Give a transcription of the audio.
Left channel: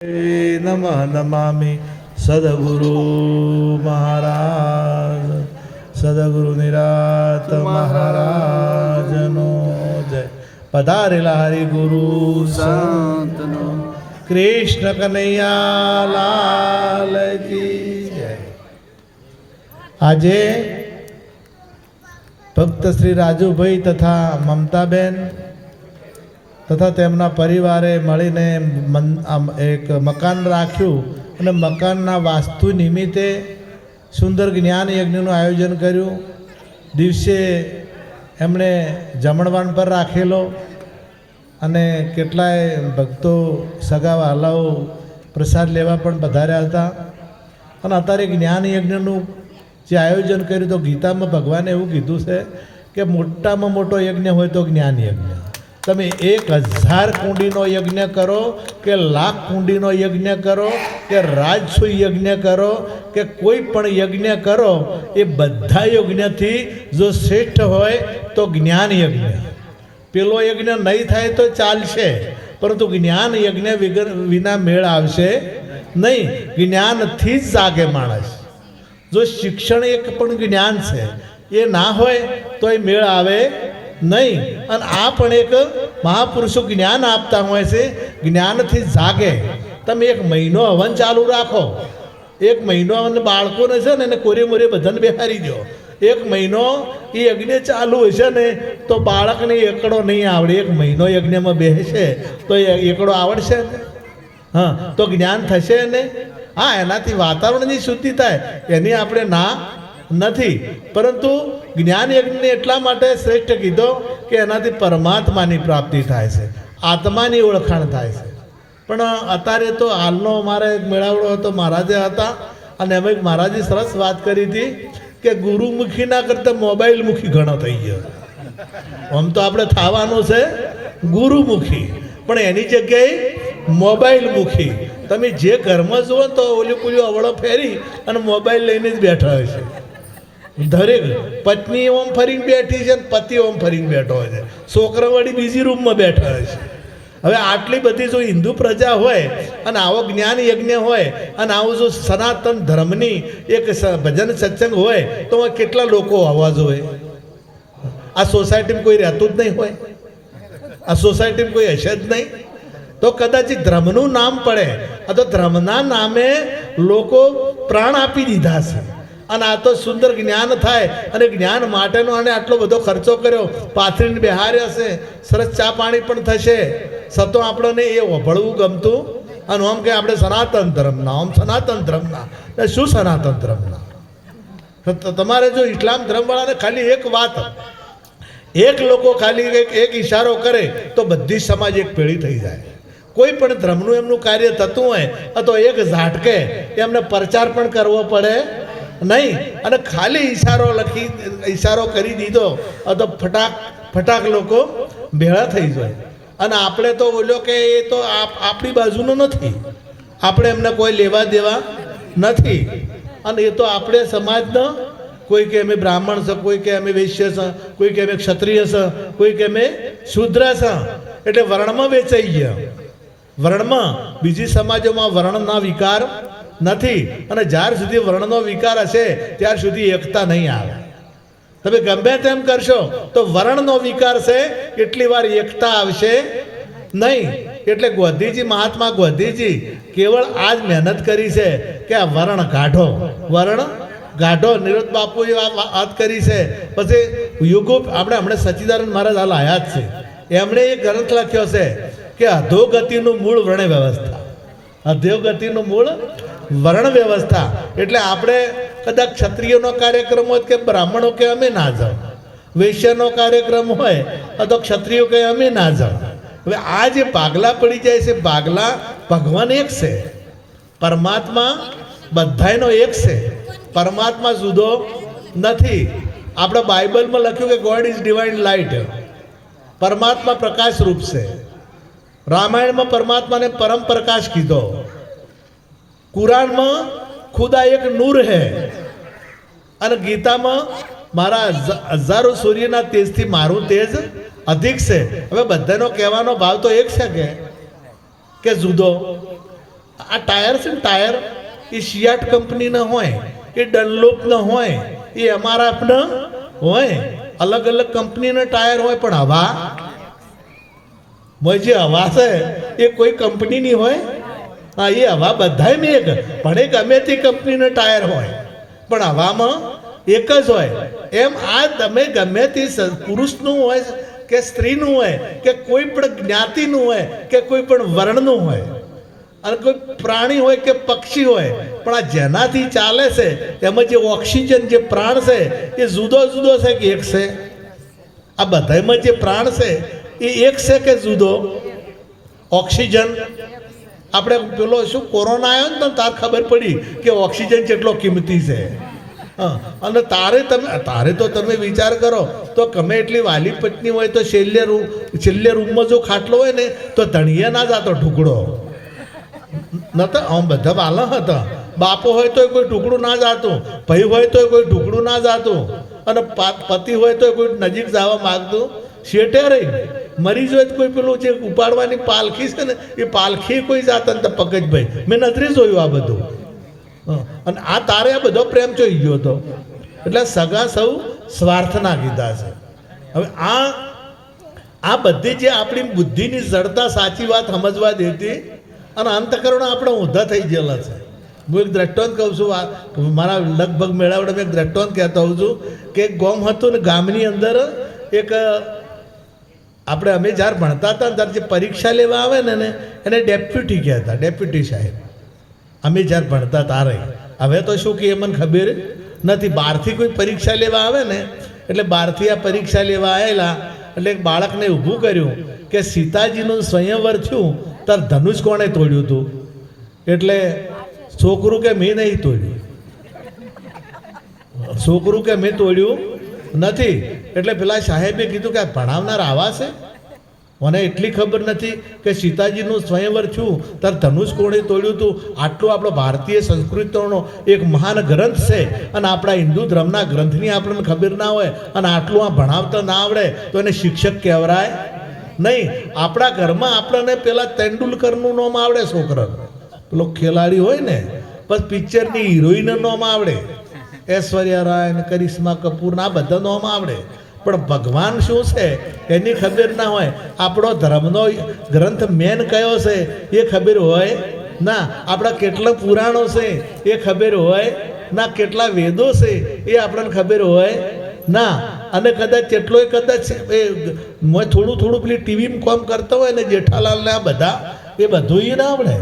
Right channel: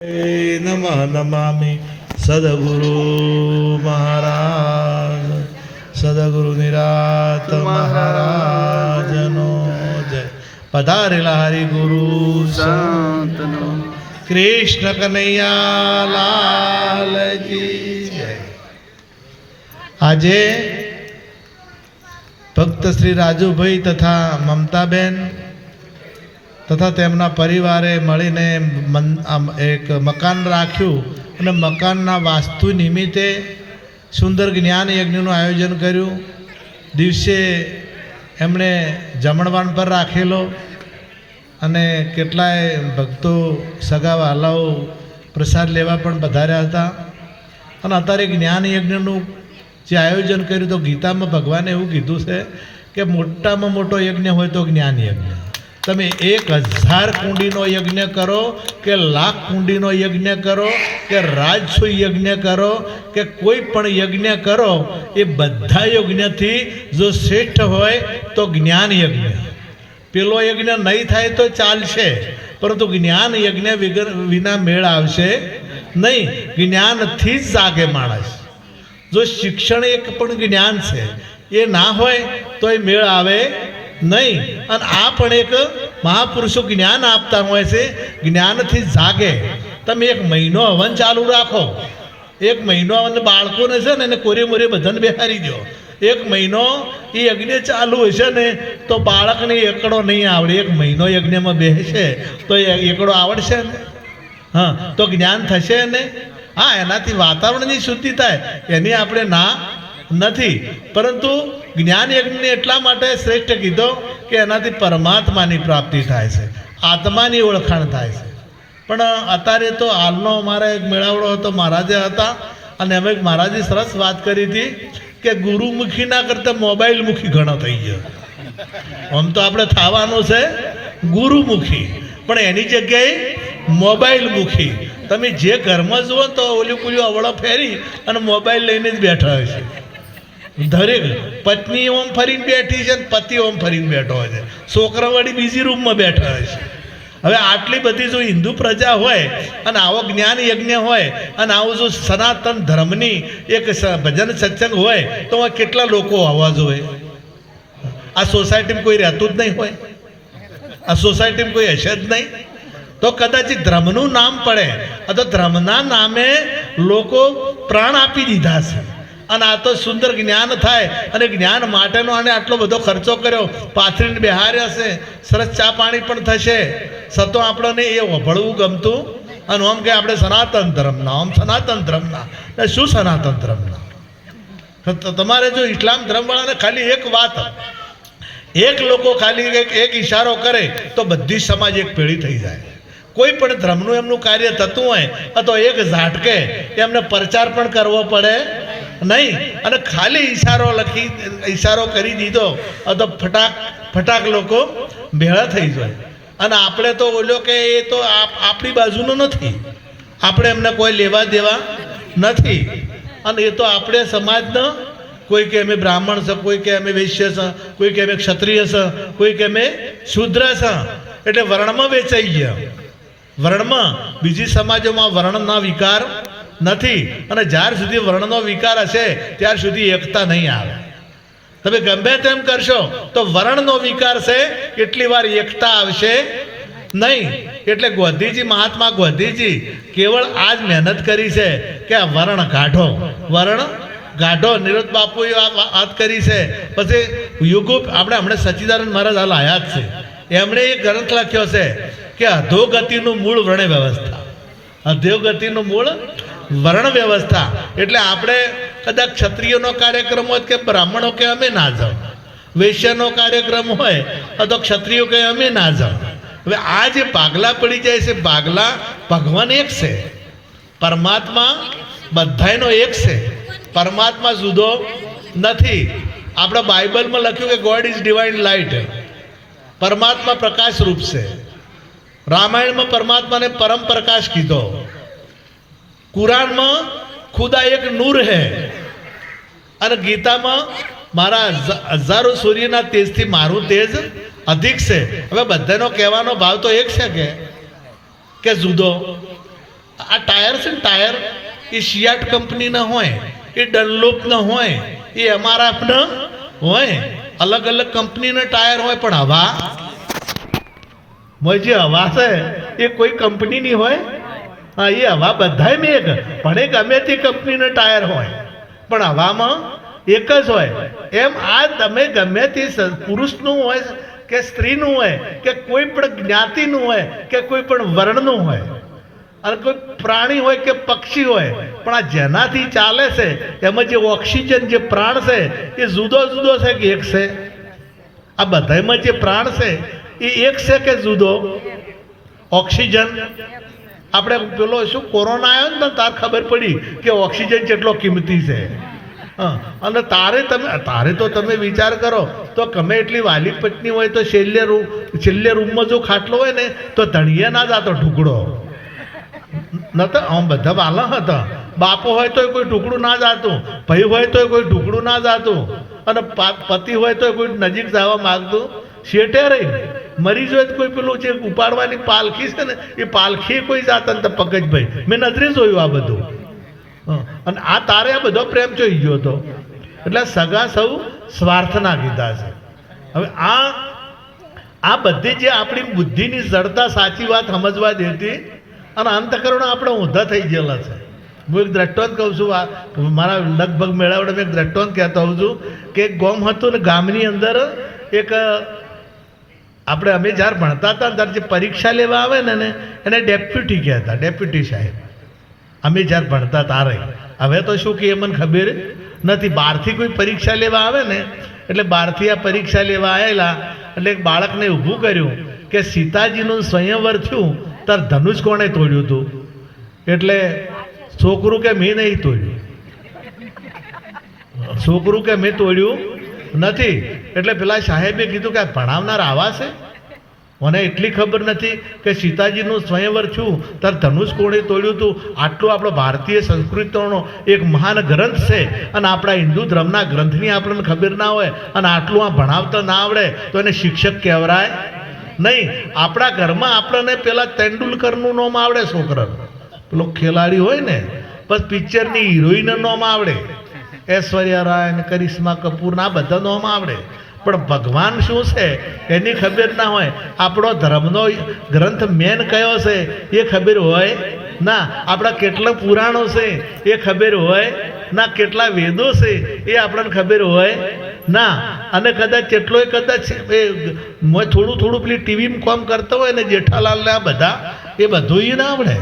नमः नमामि सद्गुरु महाराज सद्गुरु निरात महाराजनो जय पधारेला हरि गुरु संतनो कृष्ण कन्हैया लाल की जय। આજે ભક્ત શ્રી રાજુભાઈ તથા મમતાબેન તથા તેમના પરિવારે મળીને એક મકાન રાખ્યું અને મકાનના વાસ્તુ નિમિત્તે સુંદર જ્ઞાન યજ્ઞનું આયોજન કર્યું। દિવસે એમણે જમણવાન પર રાખેલો અને કેટલાય ભક્તો સગા વાલાઓ પ્રસાદ લેવા પણ પધાર્યા હતા। અને અત્યારે જ્ઞાન યજ્ઞનું જે આયોજન કર્યું તો ગીતામાં ભગવાને એવું કીધું છે કે મોટામાં મોટો યજ્ઞ હોય તો જ્ઞાન યજ્ઞ। તમે 1000 કુંડીનો યજ્ઞ કરો કે લાખ કુંડીનો યજ્ઞ કરો કે રાજસુ યજ્ઞ કરો કે કોઈ પણ યજ્ઞ કરો એ બધા યજ્ઞથી જો શ્રેષ્ઠ હોય તો જ્ઞાન યજ્ઞ। પેલો યજ્ઞ નહીં થાય તો ચાલશે પરંતુ જ્ઞાન યજ્ઞ વિના મેળ આવશે નહીં। જ્ઞાનથી જ જાગે માણસ। જો શિક્ષણ એક પણ જ્ઞાન છે એ ના હોય તો એ મેળ આવે નહીં। અને આ પણ એક મહાપુરુષો જ્ઞાન આપતા હોય છે, જ્ઞાનથી જાગે। તમે 1 મહિનો હવન ચાલુ રાખો, 1 મહિનો અને બાળકોને છે ને એને કોરે મોરે બધાને બેહારી દો। 1 મહિનો એ યજ્ઞ ચાલુ હશે ને તો બાળકને એકડો નહીં આવડે। 1 મહિનો યજ્ઞમાં બેસે તો એકડો આવડશે ને? હા, તો જ્ઞાન થશે ને? હા, એનાથી વાતાવરણની શુદ્ધિ થાય એની આપણે ના નથી, પરંતુ જ્ઞાન યજ્ઞને એટલા માટે શ્રેષ્ઠ કીધો કે એનાથી પરમાત્માની પ્રાપ્તિ થાય છે, આત્માની ઓળખાણ થાય છે। પણ અત્યારે તો હાલનો અમારા એક મેળાવડો હતો, મહારાજે હતા અને અમે મહારાજે સરસ વાત કરી હતી કે ગુરુમુખી ના કરતાં મોબાઈલમુખી ઘણો થઈ ગયો। આમ તો આપણે થવાનું છે ગુરુમુખી, પણ એની જગ્યાએ મોબાઈલમુખી। તમે જે ઘરમાં જુઓ તો ઓલી પુલી અવળો ફેરી અને મોબાઈલ લઈને જ બેઠા હોય છે। દરેક પત્ની ઓમ ફરીને બેઠી છે, પતિ ઓમ ફરીને બેઠો હોય છે, છોકરા વળી બીજી રૂમમાં બેઠા હોય છે। હવે આટલી બધી જો હિન્દુ પ્રજા હોય અને આવો જ્ઞાન યજ્ઞ હોય અને આવું જો સનાતન ધર્મની એક ભજન સત્સંગ હોય તો કેટલા લોકો આવવા જોઈએ? આ સોસાયટીમાં કોઈ રહેતું જ નહીં હોય, આ સોસાયટીમાં કોઈ હશે જ નહીં, તો કદાચ ધર્મનું નામ પડે તો ધર્મના નામે લોકો પ્રાણ આપી દીધા છે। અને આ તો સુંદર જ્ઞાન થાય અને જ્ઞાન માટેનો આને આટલો બધો ખર્ચો કર્યો, પાથરીને બેહાર્યા છે, સરસ ચા પાણી પણ થશે, છતાં આપણને એ વભળવું ગમતું અને આમ કે આપણે સનાતન ધર્મના, આમ સનાતન ધર્મના, શું સનાતન ધર્મના? તમારે જો ઇસ્લામ ધર્મવાળાને ખાલી એક વાત, એક લોકો ખાલી એક ઈશારો કરે તો બધી સમાજ એક પેઢી થઈ જાય। કોઈ પણ ધર્મનું એમનું કાર્ય થતું હોય તો એક ઝાટકે એમને પ્રચાર પણ કરવો પડે નહીં, અને ખાલી ઈશારો કરી દીધો તો ફટાક લોકો ભેળા થઈ જાય। અને આપણે તો બોલ્યો કે એ તો આપણી બાજુનો નથી, આપણે એમને કોઈ લેવા દેવા નથી, અને એ તો આપણે સમાજનો, કોઈ કે અમે બ્રાહ્મણ છે, કોઈ કે અમે વૈશ્ય છે, કોઈ કે અમે ક્ષત્રિય છે, કોઈ કે અમે શૂદ્ર છે, એટલે વર્ણમાં વેચાઈ ગયા। વર્ણમાં બીજી સમાજોમાં વર્ણના વિકાર નથી, અને જ્યાર સુધી વર્ણનો વિકાર હશે ત્યાર સુધી એકતા નહીં આવે। તમે ગમે તેમ કરશો તો વર્ણનો વિકાર છે એટલી વાર એકતા આવશે નહીં। એટલે ગોધીજી, મહાત્મા ગોધીજી કેવળ આ જ મહેનત કરી છે કે આ વર્ણ ગાઢો નિરોધ બાપુએ વાત કરી છે। પછી યુગો આપણે હમણાં સચ્ચિદાનંદ મહારાજ હાલ આયા જ છે, એમણે એક ગ્રંથ લખ્યો છે કે અધોગતિનું મૂળ વર્ણ વ્યવસ્થા। અધોગતિનું મૂળ વર્ણ વ્યવસ્થા એટલે આપણે કદાચ ક્ષત્રિયનો કાર્યક્રમ હોય કે બ્રાહ્મણો કે અમે ના જાઓ, વૈશ્યનો કાર્યક્રમ હોય તો ક્ષત્રિયો કે અમે ના જાઓ। હવે આ જે ભાગલા પડી જાય છે, ભાગલા ભગવાન એક છે, પરમાત્મા બધાયનો એક છે, પરમાત્મા જુદો નથી। આપણે બાઇબલમાં લખ્યું કે ગોડ ઇઝ ડિવાઇન લાઇટ, પરમાત્મા પ્રકાશ રૂપ છે। રામાયણમાં પરમાત્માને પરમ પ્રકાશ કીધો, કુરાનમાં ખુદા એક નૂર હે, અને ગીતામાં મારા હજારો સૂર્યના તેજથી મારું તેજ અધિક છે। હવે બધાનો કહેવાનો ભાવ તો એક છે કે જુદો? આ ટાયર છે ને ટાયર એ સિયાટ કંપનીના હોય, એ ડનલોપના હોય, એ એમઆરએફના હોય, અલગ અલગ કંપનીના ટાયર હોય, પણ હવા જે હવા છે એ કોઈ કંપનીની હોય? હા, એ હવા બધાય મેઘ, પણ એ ગમે તે કંપનીના ટાયર હોય, પણ હવામાં એક જ હોય. એમ આ તમે ગમે તે પુરુષનું હોય કે સ્ત્રીનું હોય કે કોઈ પણ જ્ઞાતિનું હોય કે કોઈ પણ વર્ણનું હોય અને કોઈ પ્રાણી હોય કે પક્ષી હોય, પણ આ જેનાથી ચાલે છે એમાં જે ઓક્સિજન જે પ્રાણ છે એ જુદો જુદો છે કે એક છે? આ બધામાં જે પ્રાણ છે એ એક છે કે જુદો? ઓક્સિજન આપણે પેલો શું કોરોના આવ્યો ને તાર ખબર પડી કે ઓક્સિજન કેટલો કિંમતી છે. હા, અને તારે તો તમે વિચાર કરો તો ગમે એટલી વાલી પત્ની હોય તો છેલ્લે રૂમમાં જો ખાટલો હોય ને તો ધણીએ ના જાતો ટુકડો નતો. આમ બધા વાલા હતા. બાપો હોય તો કોઈ ટુકડું ના જાતું, ભાઈ હોય તો કોઈ ટુકડું ના જાતું, અને પતિ હોય તો કોઈ નજીક જવા માગતું શેઠે રહી. મરી જાય કોઈ પેલું જે ઉપાડવાની પાલખી છે ને એ પાલખી કોઈ જાતા ને તો પગજભાઈ મેં નજરે જોયું આ બધું. અને આ તારે આ બધો પ્રેમ જોઈ ગયો હતો. એટલે સગા સૌ સ્વાર્થના કીધા છે. હવે આ બધી જે આપણી બુદ્ધિની જડતા સાચી વાત સમજવા દેતી અને અંતકરણ આપણે ઊંધા થઈ ગયેલા છે. હું એક દ્રષ્ટાંત કહું છું, મારા લગભગ મેળાવડે મેં એક દ્રષ્ટાંત કહેતો હોઉં છું કે એક ગામ હતું ને ગામની અંદર એક આપણે અમે જ્યારે ભણતા હતા ત્યારે જે પરીક્ષા લેવા આવે ને એને ડેપ્યુટી કહેતા, ડેપ્યુટી સાહેબ. અમે જ્યારે ભણતા તારે. હવે તો શું કે મને ખબર નથી. બહારથી કોઈ પરીક્ષા લેવા આવે ને એટલે બહારથી આ પરીક્ષા લેવા આવેલા એટલે એક બાળકને ઊભું કર્યું કે સીતાજીનું સ્વયંવર થયું ત્યારે ધનુષ કોણે તોડ્યું હતું? એટલે છોકરું કે મેં નહીં તોડ્યું. છોકરું કે મેં તોડ્યું નથી. એટલે પેલા સાહેબે કીધું કે ભણાવનાર આવા છે? મને એટલી ખબર નથી કે સીતાજીનું સ્વયંવર થયું ત્યારે ધનુષ કોણે તોડ્યું હતું. આટલું આપણો ભારતીય સંસ્કૃતિનો એક મહાન ગ્રંથ છે અને આપણા હિન્દુ ધર્મના ગ્રંથની આપણને ખબર ના હોય અને આટલું આ ભણાવતા ના આવડે તો એને શિક્ષક કહેવાય નહીં. આપણા ઘરમાં આપણને પેલા તેંડુલકરનું નામ આવડે, છોકરા પેલો ખેલાડી હોય ને, બસ પિક્ચરની હિરોઈનનું નામ આવડે, ઐશ્વર્યા રાય ને કરિશ્મા કપૂર ના બધા નામ આવડે, પણ ભગવાન શું છે એની ખબર ના હોય. આપણો ધર્મનો ગ્રંથ મેન કયો છે એ ખબર હોય ના. આપણા કેટલા પુરાણો છે એ ખબર હોય ના. કેટલા વેદો છે એ આપણને ખબર હોય ના. અને કદાચ કેટલોય કદાચ એ થોડું થોડું પેલી ટીવીમાં કામ કરતા હોય ને જેઠાલાલ ને આ બધા એ બધું એ ના આવડે.